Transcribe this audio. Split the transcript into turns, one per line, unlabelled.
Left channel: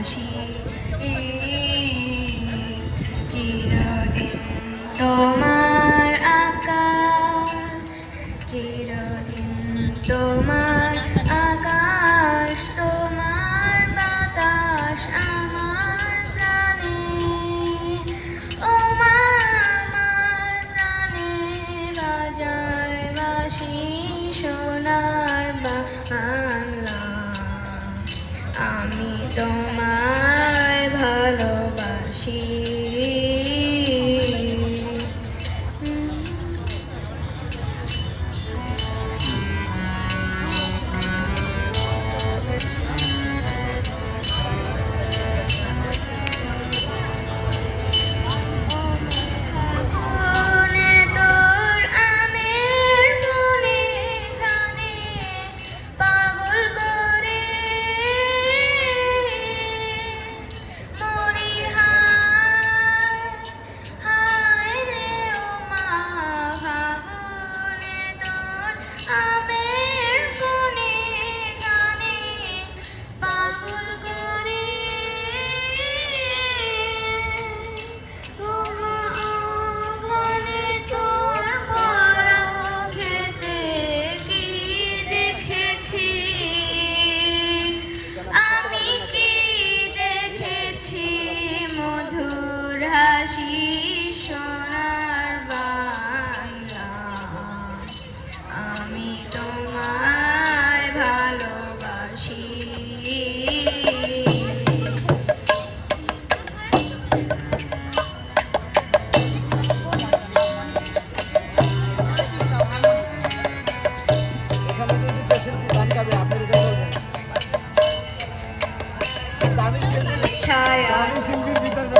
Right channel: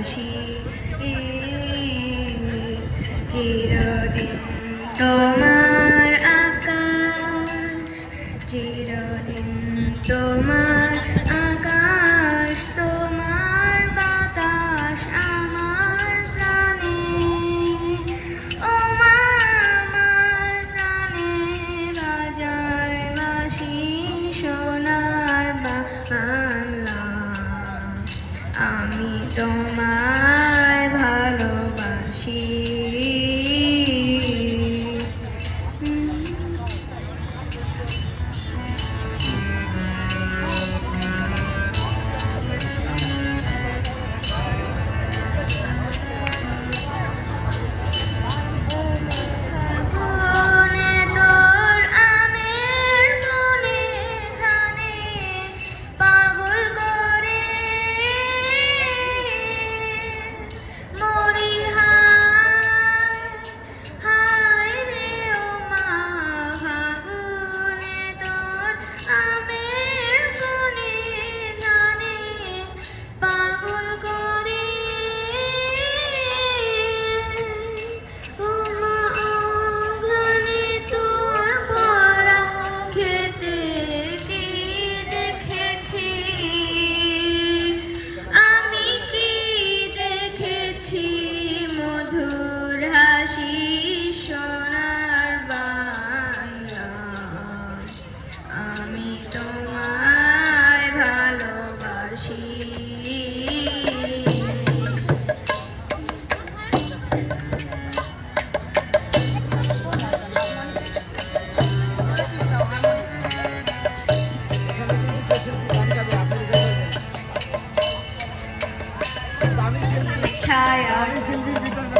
হাসি চির 자, 여러분.